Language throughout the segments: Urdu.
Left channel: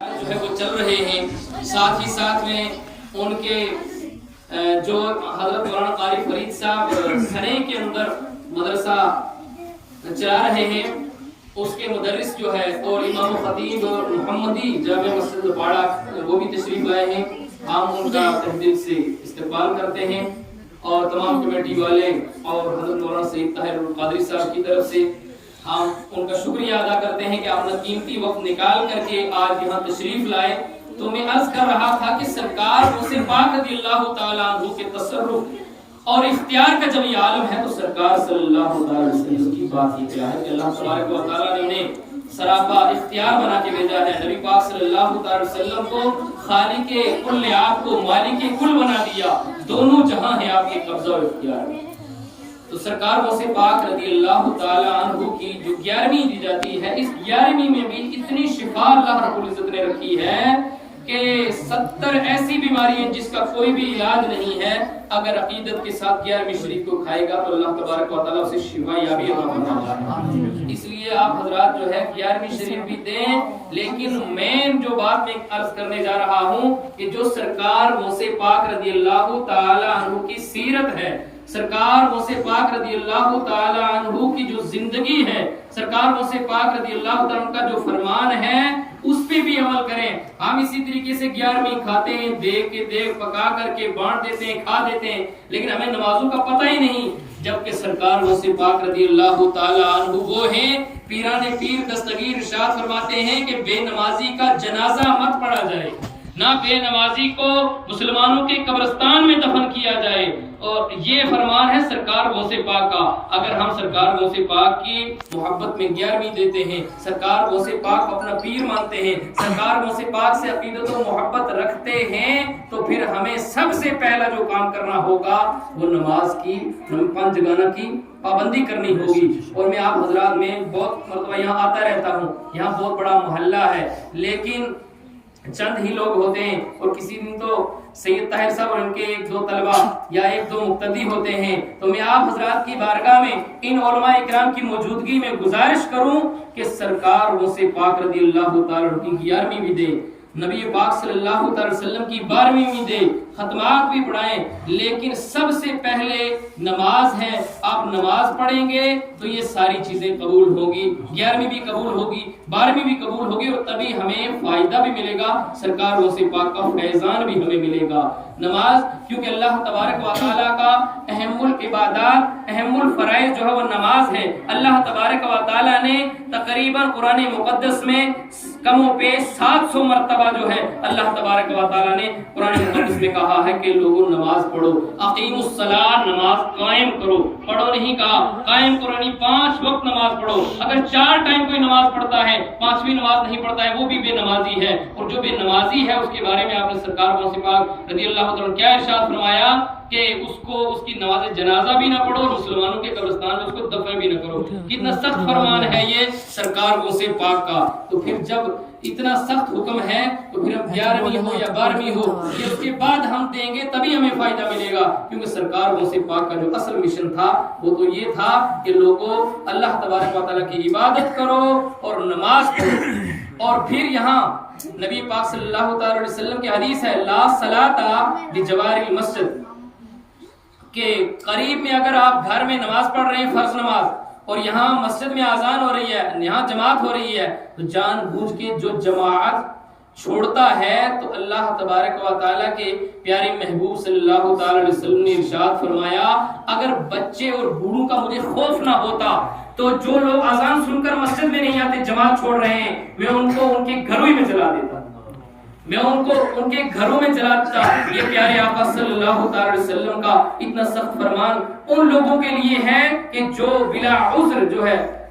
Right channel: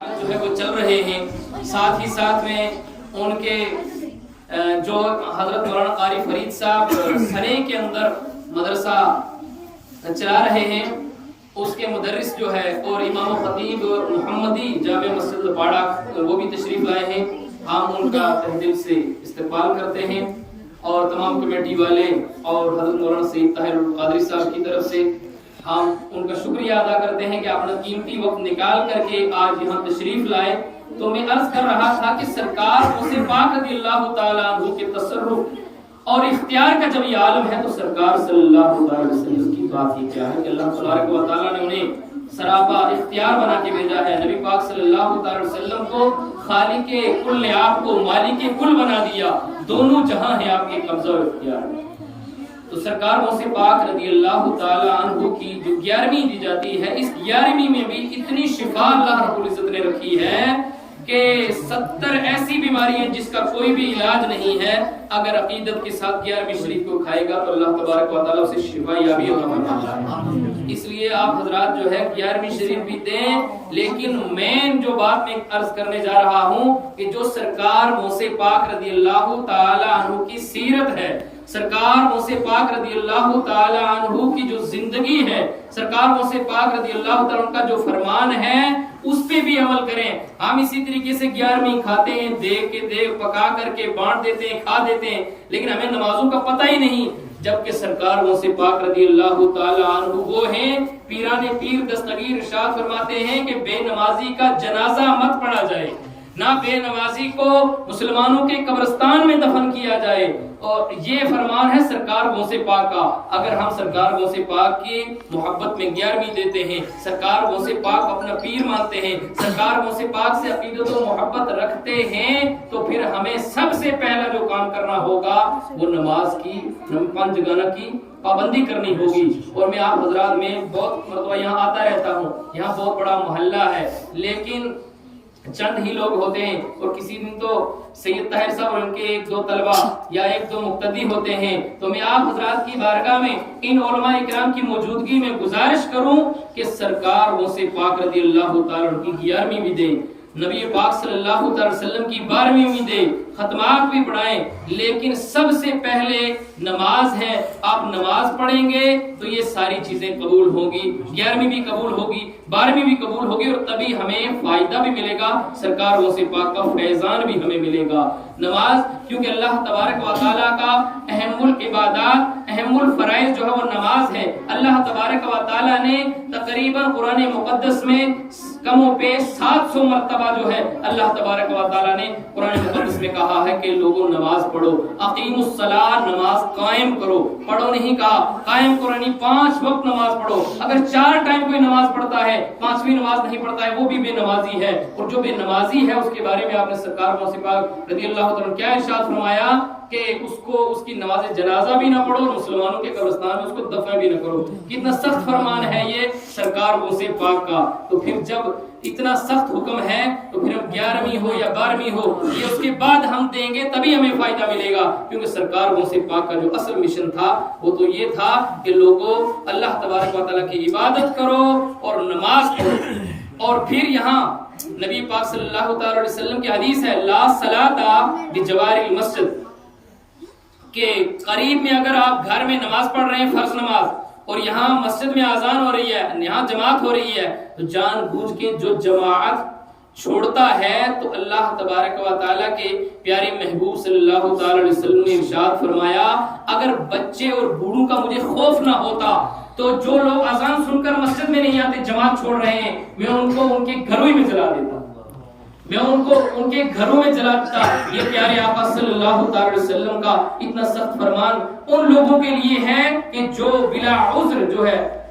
جو ہے وہ چل رہے ہیں، ساتھ ہی ساتھ میں ان کے جو حضرت مولانا قاری فرید صاحب سنے کے اندر مدرسہ چلا رہے ہیں، اس کے مدرس جو ہے اور امام و خطیب محمدی جامع مسجد باڑہ وہ بھی تشریف لائے ہیں۔ ہم ان کا تہ دل سے استقبال کرتے ہیں اور تمام کمیٹی والے اور حضرت مولانا سید طاہر القادری صاحب کی طرف سے ہم ان کا شکریہ ادا کرتے ہیں کہ اپنا قیمتی وقت نکال کر کے آج یہاں تشریف لائے۔ تو میں عرض کر رہا تھا کہ سرکار غوث پاک رضی اللہ تعالیٰ عنہ کے تصرف اور اختیار کا جب یہ عالم ہے تو سرکار صلی اللہ علیہ وسلم کی بات ہی کیا ہے کہ اللہ تبارک و تعالیٰ نے انہیں سراپا اختیار بنا کے بھیجا ہے۔ نبی پاک صلی اللہ علیہ وسلم کو خالق کل نے آپ کو مالک کل بنا دیا، دونوں جہاں ہیں آپ کے قبضہ اور اختیار میں۔ تو سرکار غوث پاک رضی اللہ تعالی عنہ کی جو 11ویں دی جاتی ہے، اس 11ویں میں بھی اتنی شفا اللہ رب العزت نے رکھی ہے کہ 70 ایسی بیماری ہیں جس کا کوئی بھی علاج نہیں ہے، اگر عقیدت کے ساتھ 11ویں شریف کو کھائے گا تو اللہ تبارک و تعالیٰ اسے شفا یابی عطا فرماتا ہے۔ اس لیے آپ حضرات جو ہے 11ویں شریف بھی دیں، لیکن مین جو بات میں عرض کرنے جا رہا ہوں کہ جو سرکار غوث پاک رضی اللہ تعالی عنہ کی سیرت ہے، سرکار غوث پاک رضی اللہ تعالی عنہ کی جو زندگی ہے، سرکار غوث پاک رضی اللہ تعالی عنہ کا جو فرمان ہے اس پہ بھی عمل کریں۔ ہم اسی طریقے سے 11ویں کھاتے ہیں، دیکھ کے دیکھ پکا کر کے بانٹ دیتے ہیں، کھا دیتے ہیں، لیکن ہمیں نمازوں کا پتہ ہی نہیں، جبکہ سرکار غوث پاک رضی اللہ تعالی عنہ وہ ہیں پیران پیر دستگیر ارشاد فرماتے ہیں کہ بے نمازی کا جنازہ مت پڑھا جائے، نہ بے نمازی کو مسلمانوں کے قبرستان میں دفن کیا جائے، اور یہ فرمان ہے سرکار غوث پاک کا۔ اگر ہم سرکار غوث پاک کی محبت میں 11ویں دیتے ہیں، سرکار غوث پاک اپنا پیر مانتے ہیں، سرکار غوث پاک سے عقیدت و محبت رکھتے ہیں، تو پھر ہمیں سب سے پہلا جو کام کرنا ہوگا وہ نماز کی 5 جگانہ کی پابندی کرنی ہوگی۔ اور میں آپ حضرات میں بہت مرتبہ یہاں آتا رہتا ہوں، یہاں بہت بڑا محلہ ہے، لیکن چند ہی لوگ ہوتے ہیں، اور کسی دن تو سید طاہر صاحب اور ان کے 1-2 طلبہ یا 1-2 مقتدی ہوتے ہیں۔ تو میں آپ حضرات کی بارگاہ میں ان علماء اکرام کی موجودگی میں گزارش کروں کہ سرکار غوث پاک رضی اللہ تعالیٰ عنہ کی 11ویں بھی دیں، نبی پاک صلی اللہ علیہ وسلم کی 12ویں بھی دیں، ختمات بھی پڑھائیں، لیکن سب سے پہلے نماز ہے۔ آپ نماز پڑھیں گے تو یہ ساری چیزیں قبول ہوگی، 11ویں بھی قبول ہوگی، 12ویں بھی قبول ہوگی، اور تبھی ہمیں فائدہ بھی ملے گا، سرکار غوث پاک کا فیضان بھی ہمیں ملے گا۔ نماز کیونکہ اللہ تبارک و تعالیٰ کا اہم العبادات، اہم الفرائض جو ہے وہ نماز ہے۔ اللہ تبارک و تعالیٰ نے تقریباً قرآن مقدس میں کم و بیش 700 مرتبہ جو ہے اللہ تبارک و تعالیٰ نے قرآن مقدس میں کہا ہے کہ لوگوں نماز پڑھو، اقیموا الصلاۃ، نماز قائم کرو، پڑھو نہیں کہا، قائم کرو یعنی 5 وقت نماز پڑھو۔ اگر 4 ٹائم کوئی نماز پڑھتا ہے، 5ویں نماز نہیں پڑھتا ہے، وہ بھی بے نمازی ہے، اور جو بے نمازی ہے اس کے بارے میں آپ نے سرکار غوث پاک رضی اللہ تعالیٰ کیا ارشاد فرمایا کہ اس کی نماز جنازہ بھی نہ پڑھو، مسلمانوں کے قبرستان میں اس کو دفن بھی نہ کرو۔ کتنا سخت فرمان ہے یہ سرکار غوث پاک کا۔ تو پھر جب اتنا سخت حکم ہے تو پھر ہم 11ویں ہو یا 12ویں ہو، یہ اس کے بعد ہم دیں گے تبھی ہمیں فائدہ ملے گا، کیونکہ سرکار غوث پاک کا جو اصل مشن تھا وہ تو یہ تھا کہ لوگوں اللہ تبارک و تعالیٰ کی عبادت کرو اور نماز پڑھو۔ اور پھر یہاں نبی پاک صلی اللہ تعالی علیہ وسلم کی حدیث ہے لا صلاۃ بجوار المسجد، کہ قریب میں اگر آپ گھر میں نماز پڑھ رہے ہیں فرض نماز، اور یہاں مسجد میں اذان ہو رہی ہے، یہاں جماعت ہو رہی ہے، تو جان بوجھ کے جو جماعت چھوڑتا ہے تو اللہ تبارک و تعالیٰ کے پیارے محبوب صلی اللہ تعالی علیہ وسلم نے ارشاد فرمایا اگر بچے اور بوڑھوں کا مجھے خوف نہ ہوتا تو جو لوگ اذان سن کر مسجد میں نہیں آتے، جماعت چھوڑ رہے ہیں، میں ان کو ان کے گھروں میں جلا دیتا، میں ان کو ان کے گھروں میں جلاتا۔ یہ پیارے آقا صلی اللہ تعالی علیہ وسلم کا اتنا سخت فرمان ان لوگوں کے لیے ہے کہ جو بلا عذر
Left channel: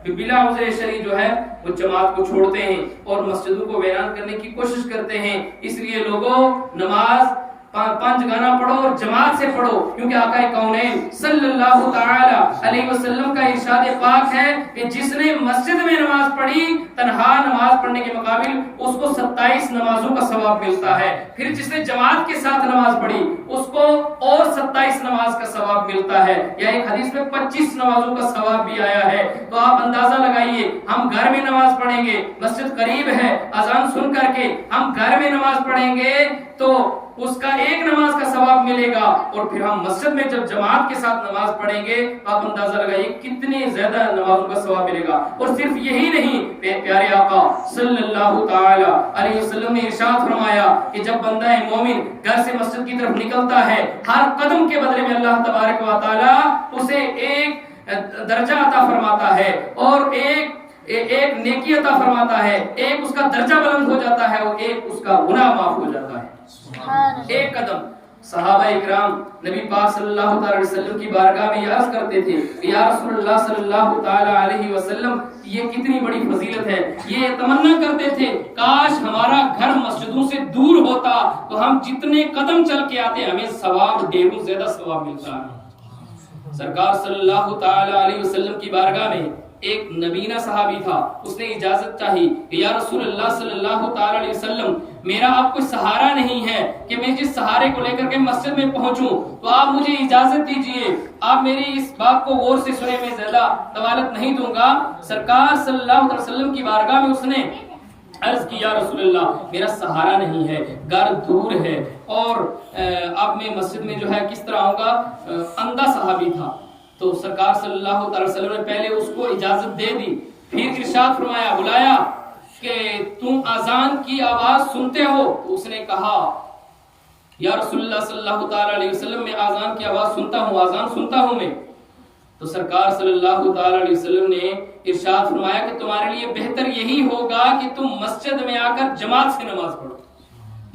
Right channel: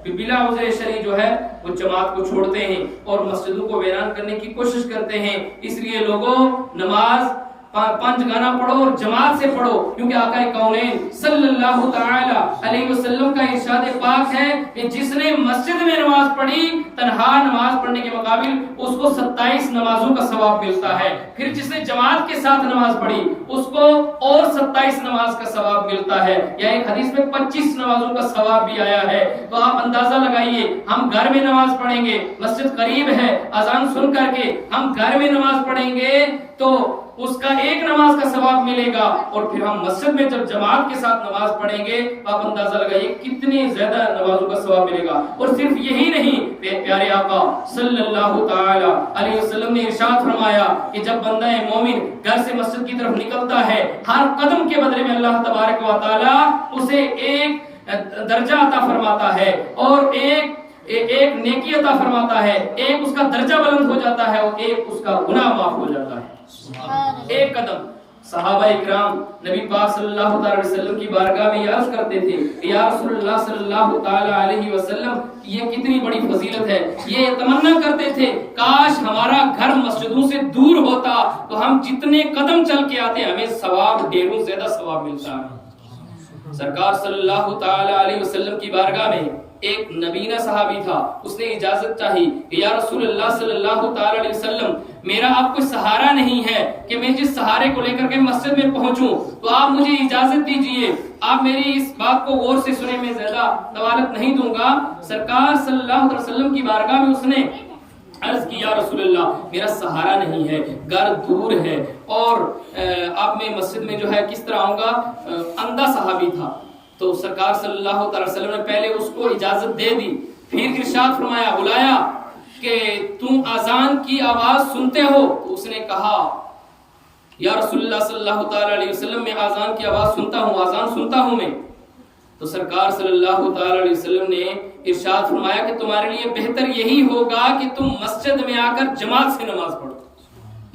بلا عذر شرعی جو ہے وہ جماعت کو چھوڑتے ہیں اور مسجدوں کو ویران کرنے کی کوشش کرتے ہیں۔ اس لیے لوگوں نماز پانچ گانا پڑھو اور جماعت سے پڑھو، کیونکہ آقا کونین صلی اللہ تعالی علیہ وسلم کا ارشاد پاک ہے کہ جس نے مسجد میں نماز پڑھی تنہا نماز پڑھنے کے مقابل اس کو 27 نمازوں کا ثواب ملتا ہے، پھر جس نے جماعت کے ساتھ نماز پڑھی اس کو اور 27 نماز کا ثواب ملتا ہے، یا ایک حدیث میں 25 نمازوں کا ثواب بھی آیا ہے۔ تو آپ اندازہ لگائیے، ہم گھر میں نماز پڑھیں گے، مسجد قریب ہے، اذان سن کر کے ہم گھر میں نماز پڑھیں گے تو اس کا ایک نماز کا ثواب ملے گا، اور پھر ہم مسجد میں جب جماعت کے ساتھ نماز پڑھیں گے تو آپ اندازہ لگائیے کتنی زیادہ نمازوں کا ثواب ملے گا۔ اور صرف یہی نہیں، پیارے آقا صلی اللہ تعالی علیہ وسلم نے ارشاد فرمایا کہ جب بندہ مومن گھر سے مسجد کی طرف نکلتا ہے، ہر قدم کے بدلے میں اللہ تبارک و تعالی اسے ایک درجہ عطا فرماتا ہے اور ایک نیکی عطا فرماتا ہے، ایک اس کا درجہ بلند ہو جاتا ہے اور ایک اس کا گناہ معاف ہو جاتا ہے، ایک قدم۔ صحابہ اکرام نبی پاک صلی اللہ تعالی علیہ وسلم کی بارگاہ میں یہ عرض کرتے تھے، یا رسول اللہ صلی اللہ تعالی علیہ وسلم یہ کتنی بڑی فضیلت ہے، یہ تمنا کرتے تھے کاش ہمارا گھر مسجدوں سے دور ہوتا تو ہم جتنے قدم چل کے آتے ہمیں ثواب ڈھیروں زیادہ ثواب ملتا ہے۔ سرکار صلی اللہ تعالی علیہ وسلم کی بارگاہ میں ایک نبینہ صحابی تھا، اس نے اجازت چاہی کہ یا رسول اللہ صلی اللہ تعالی علیہ وسلم میرا اب کوئی سہارا نہیں ہے کہ میں جس سہارے کو لے کر کے مسجد میں پہنچوں، تو آپ مجھے اجازت دیجئے، آپ میری اس بات کو غور سے سنیں، میں زیادہ طوالت نہیں دوں گا۔ سرکار صلی اللہ علیہ وسلم کی بارگاہ میں اس نے عرض کی، یا رسول اللہ میرا سہارا نہیں ہے، گھر دور ہے، اور اب میں مسجد میں جو ہے کس طرح آؤں گا؟ اندھا صحابی تھا، تو سرکار صلی اللہ علیہ وسلم نے پہلے اس کو اجازت دے دی، پھر ارشاد فرمایا، بلایا کہ تم اذان کی آواز سنتے ہو؟ تو اس نے کہا، یا رسول اللہ صلی اللہ تعالی علیہ وسلم میں اذان کی آواز سنتا ہوں، اذان سنتا ہوں میں۔ تو سرکار صلی اللہ تعالی علیہ وسلم نے ارشاد فرمایا کہ تمہارے لیے بہتر یہی ہوگا کہ تم مسجد میں آ کر جماعت سے نماز پڑھو،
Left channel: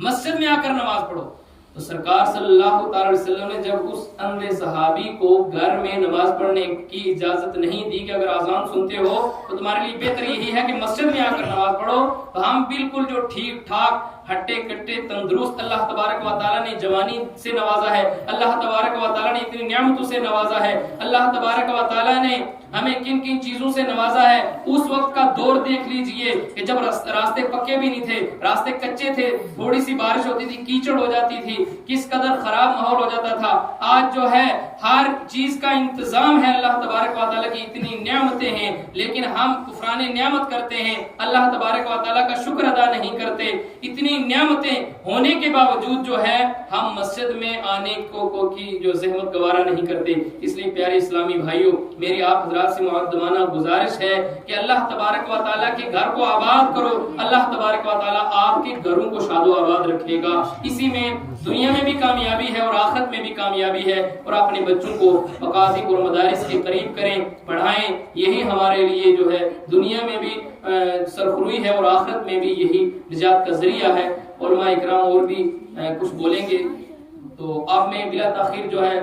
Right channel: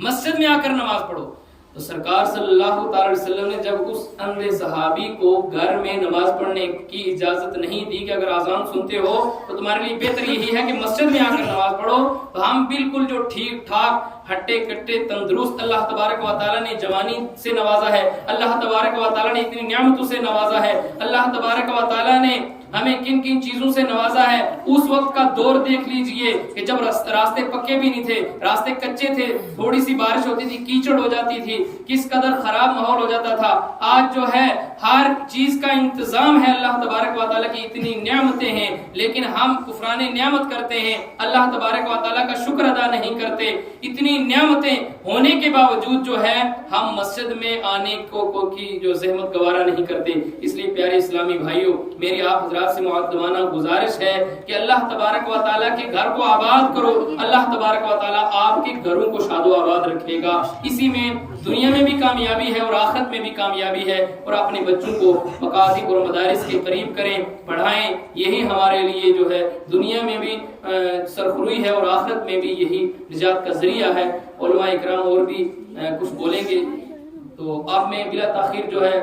مسجد میں آ کر نماز پڑھو۔ تو سرکار صلی اللہ تعالی علیہ وسلم نے جب اس اندھے صحابی کو گھر میں نماز پڑھنے کی اجازت نہیں دی کہ اگر اذان سنتے ہو تو تمہارے لیے بہتر یہی ہے کہ مسجد میں آ کر نماز پڑھو، تو ہم بالکل جو ٹھیک ٹھاک ہٹے کٹے تندرست اللہ تبارک و تعالی نے جوانی سے نوازا ہے، اللہ تبارک و تعالی نے اتنی نعمتوں سے نوازا ہے، اللہ تبارک و تعالی نے ہمیں کن کن چیزوں سے نوازا ہے۔ اس وقت کا دور دیکھ لیجئے کہ جب راستے پکے بھی نہیں تھے، راستے کچے تھے، تھوڑی سی بارش ہوتی تھی کیچڑ ہو جاتی تھی، کس قدر خراب ماحول ہو جاتا تھا۔ آج جو ہے ہر چیز کا انتظام ہے، اللہ تبارک و تعالی کی اتنی نعمتیں ہیں، لیکن ہم کفران نعمت کرتے ہیں، اللہ تبارک و تعالی کا شکر ادا نہیں کرتے۔ اتنی نعمتیں ہونے کے باوجود جو ہے ہم مسجد میں آنے کو کی جو زحمت گوارا نہیں کرتے۔ اس لیے پیارے اسلامی بھائیوں، میری آپ حضرات سے مؤدبانہ گزارش ہے کہ اللہ تبارک و تعالیٰ کے گھر کو آباد کرو، اللہ تبارک و تعالیٰ آپ کے گھروں کو شاد و آباد رکھے گا، اسی میں دنیا میں بھی کامیابی ہے اور آخرت میں بھی کامیابی ہے۔ اور اپنے بچوں کو مقاصد اور مدارس کے قریب کریں، پڑھائیں، یہی ہمارے لیے جو ہے دنیا میں بھی سرخروئی ہے اور آخرت میں بھی یہی نجات کا ذریعہ ہے۔ علماء اکرام اور بھی کچھ بولیں گے، تو اب میں بلا تاخیر جو ہے